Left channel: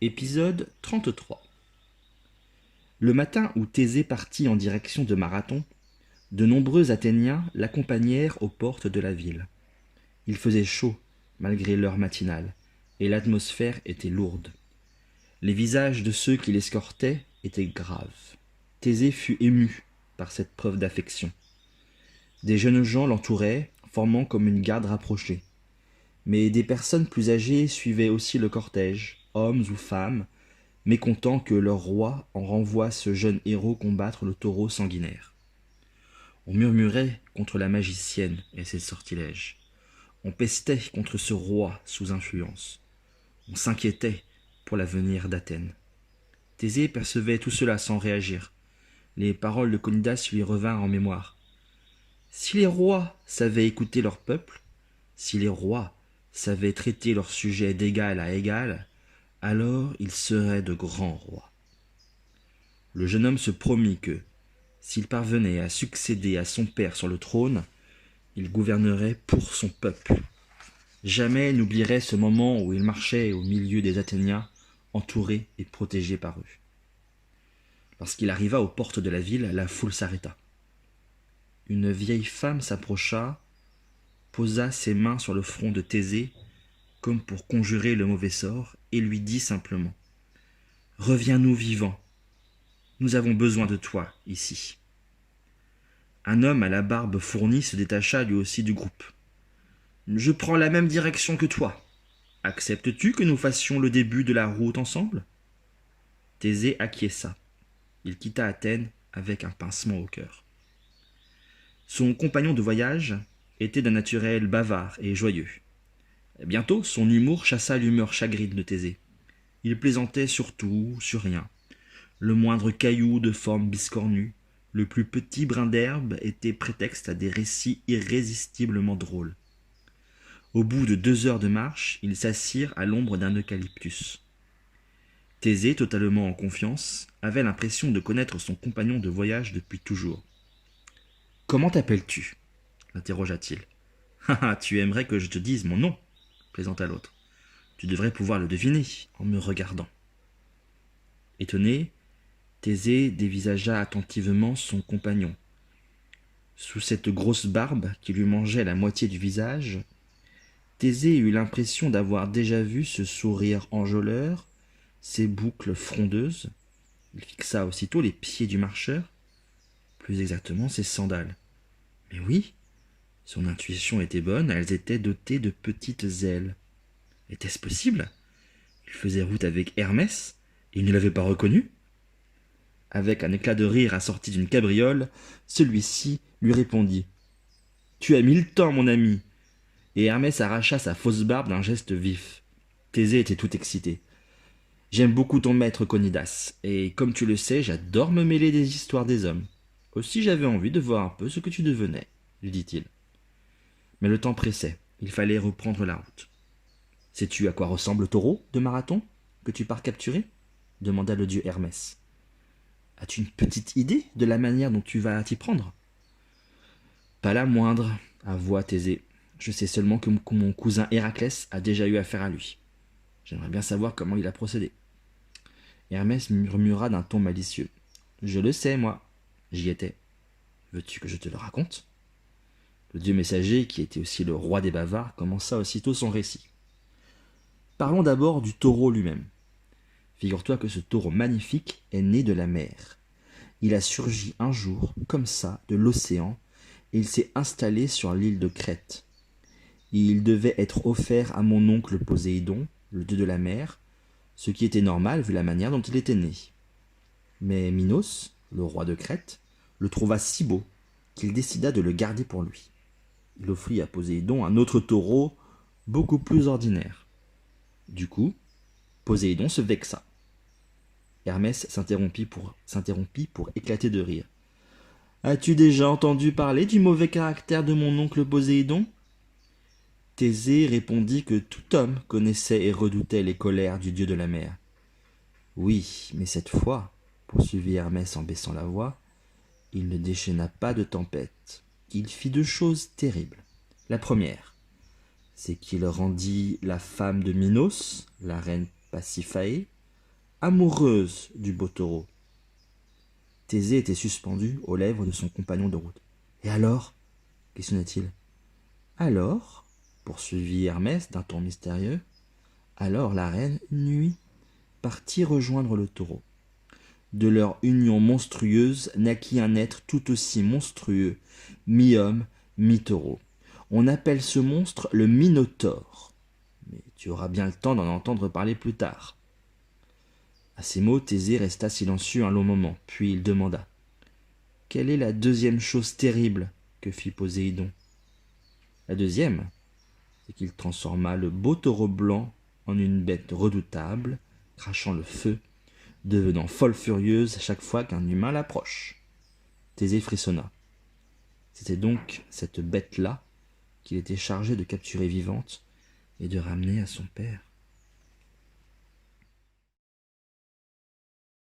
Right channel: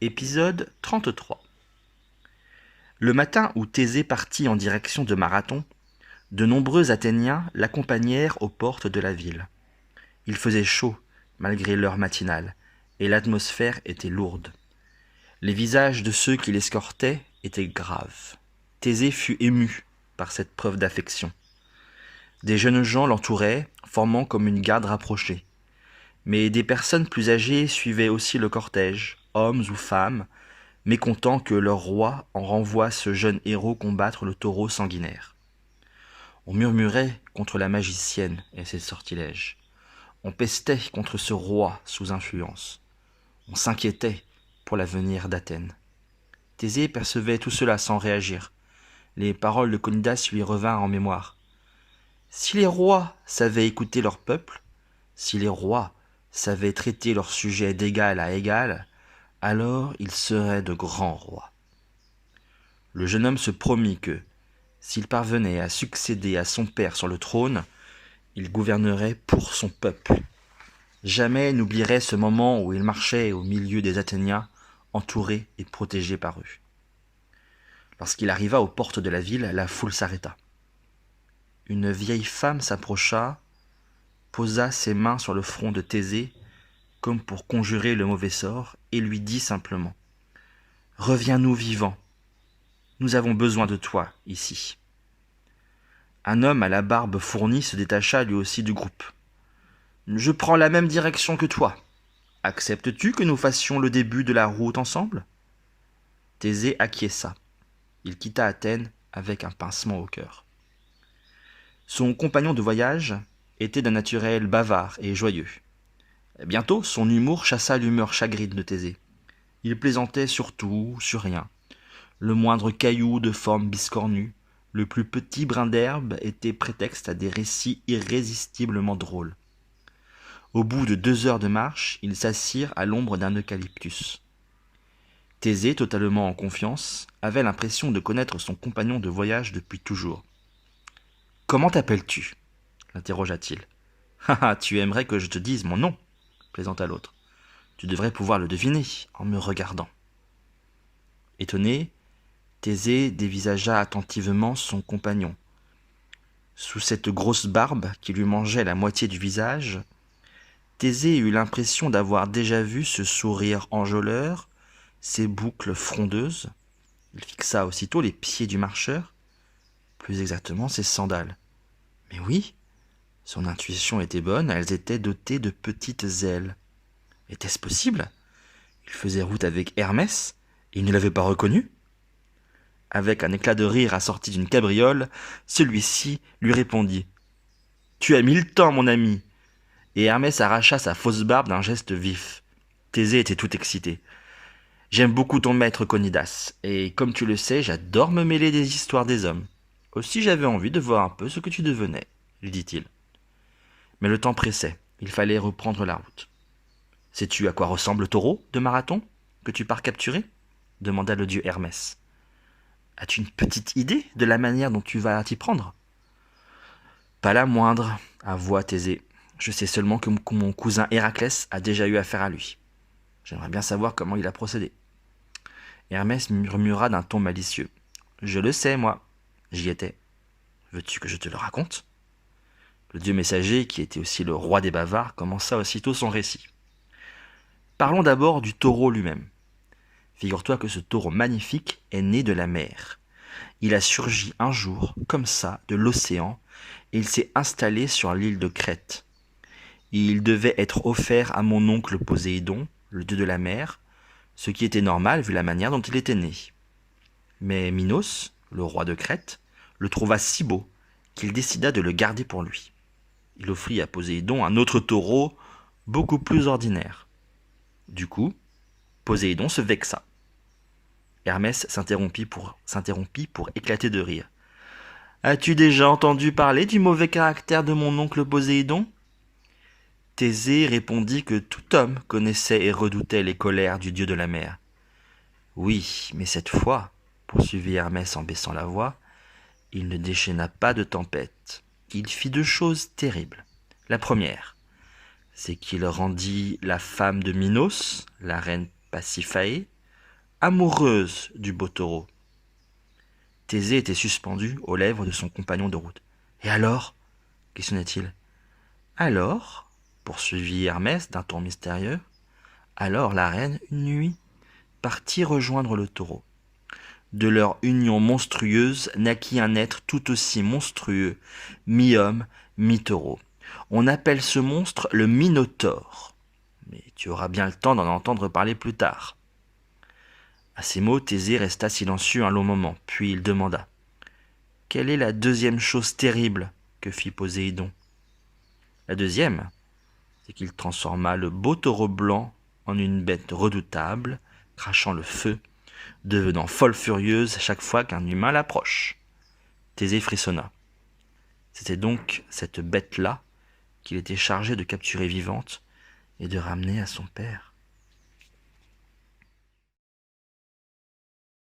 Épisode 33. Le matin où Thésée partit en direction de Marathon, de nombreux Athéniens l'accompagnèrent aux portes de la ville. Il faisait chaud, malgré l'heure matinale, et l'atmosphère était lourde. Les visages de ceux qui l'escortaient étaient graves. Thésée fut ému par cette preuve d'affection. Des jeunes gens l'entouraient, formant comme une garde rapprochée. Mais des personnes plus âgées suivaient aussi le cortège, hommes ou femmes, mécontents que leur roi en renvoie ce jeune héros combattre le taureau sanguinaire. On murmurait contre la magicienne et ses sortilèges. On pestait contre ce roi sous influence. On s'inquiétait pour l'avenir d'Athènes. Thésée percevait tout cela sans réagir. Les paroles de Conidas lui revinrent en mémoire. Si les rois savaient écouter leur peuple, si les rois savaient traiter leurs sujets d'égal à égal, alors ils seraient de grands rois. Le jeune homme se promit que, s'il parvenait à succéder à son père sur le trône, il gouvernerait pour son peuple. Jamais il n'oublierait ce moment où il marchait au milieu des Athéniens, entouré et protégé par eux. Lorsqu'il arriva aux portes de la ville, la foule s'arrêta. Une vieille femme s'approcha, posa ses mains sur le front de Thésée, comme pour conjurer le mauvais sort, et lui dit simplement « Reviens-nous vivant, nous avons besoin de toi ici. » Un homme à la barbe fournie se détacha lui aussi du groupe. « Je prends la même direction que toi. Acceptes-tu que nous fassions le début de la route ensemble ?» Thésée acquiesça. Il quitta Athènes avec un pincement au cœur. Son compagnon de voyage était d'un naturel bavard et joyeux. Bientôt, son humour chassa l'humeur chagrine de Thésée. Il plaisantait sur tout, sur rien. Le moindre caillou de forme biscornue, le plus petit brin d'herbe était prétexte à des récits irrésistiblement drôles. Au bout de 2 heures de marche, ils s'assirent à l'ombre d'un eucalyptus. Thésée, totalement en confiance, avait l'impression de connaître son compagnon de voyage depuis toujours. « Comment t'appelles-tu » l'interrogea-t-il. « Ah, tu aimerais que je te dise mon nom » plaisanta l'autre. « Tu devrais pouvoir le deviner en me regardant. » Étonné, Thésée dévisagea attentivement son compagnon. Sous cette grosse barbe qui lui mangeait la moitié du visage, Thésée eut l'impression d'avoir déjà vu ce sourire enjôleur, ces boucles frondeuses. Il fixa aussitôt les pieds du marcheur, plus exactement ses sandales. Mais oui, son intuition était bonne, elles étaient dotées de petites ailes. Était-ce possible ? Il faisait route avec Hermès, et il ne l'avait pas reconnu ? Avec un éclat de rire assorti d'une cabriole, celui-ci lui répondit « Tu as mis le temps, mon ami !» Et Hermès arracha sa fausse barbe d'un geste vif. Thésée était tout excité. « J'aime beaucoup ton maître Conidas, et comme tu le sais, j'adore me mêler des histoires des hommes. Aussi j'avais envie de voir un peu ce que tu devenais, » lui dit-il. Mais le temps pressait, il fallait reprendre la route. « Sais-tu à quoi ressemble le taureau de Marathon que tu pars capturer ?» demanda le dieu Hermès. « As-tu une petite idée de la manière dont tu vas t'y prendre ?»« Pas la moindre, » avoua Thésée. « Je sais seulement que mon cousin Héraclès a déjà eu affaire à lui. J'aimerais bien savoir comment il a procédé. » Hermès murmura d'un ton malicieux. « Je le sais, moi. J'y étais. Veux-tu que je te le raconte ?» Le dieu messager, qui était aussi le roi des bavards, commença aussitôt son récit. Parlons d'abord du taureau lui-même. Figure-toi que ce taureau magnifique est né de la mer. Il a surgi un jour, comme ça, de l'océan, et il s'est installé sur l'île de Crète. Il devait être offert à mon oncle Poséidon, le dieu de la mer, ce qui était normal vu la manière dont il était né. Mais Minos, le roi de Crète, le trouva si beau qu'il décida de le garder pour lui. Il offrit à Poséidon un autre taureau beaucoup plus ordinaire. Du coup, Poséidon se vexa. Hermès s'interrompit pour éclater de rire. « As-tu déjà entendu parler du mauvais caractère de mon oncle Poséidon ?» Thésée répondit que tout homme connaissait et redoutait les colères du dieu de la mer. « Oui, mais cette fois, » poursuivit Hermès en baissant la voix, « il ne déchaîna pas de tempête. Il fit 2 choses terribles. La première, c'est qu'il rendit la femme de Minos, la reine Pasiphaë, amoureuse du beau taureau. Thésée était suspendu aux lèvres de son compagnon de route. « Et alors » questionna-t-il. « Alors » poursuivit Hermès d'un ton mystérieux, « alors la reine, une nuit, partit rejoindre le taureau. De leur union monstrueuse naquit un être tout aussi monstrueux, mi-homme, mi-taureau. On appelle ce monstre le Minotaure. Mais tu auras bien le temps d'en entendre parler plus tard. » À ces mots, Thésée resta silencieux un long moment, puis il demanda : « Quelle est la deuxième chose terrible que fit Poséidon ?» La deuxième, c'est qu'il transforma le beau taureau blanc en une bête redoutable, crachant le feu, devenant folle furieuse chaque fois qu'un humain l'approche. Thésée frissonna. C'était donc cette bête-là qu'il était chargé de capturer vivante et de ramener à son père.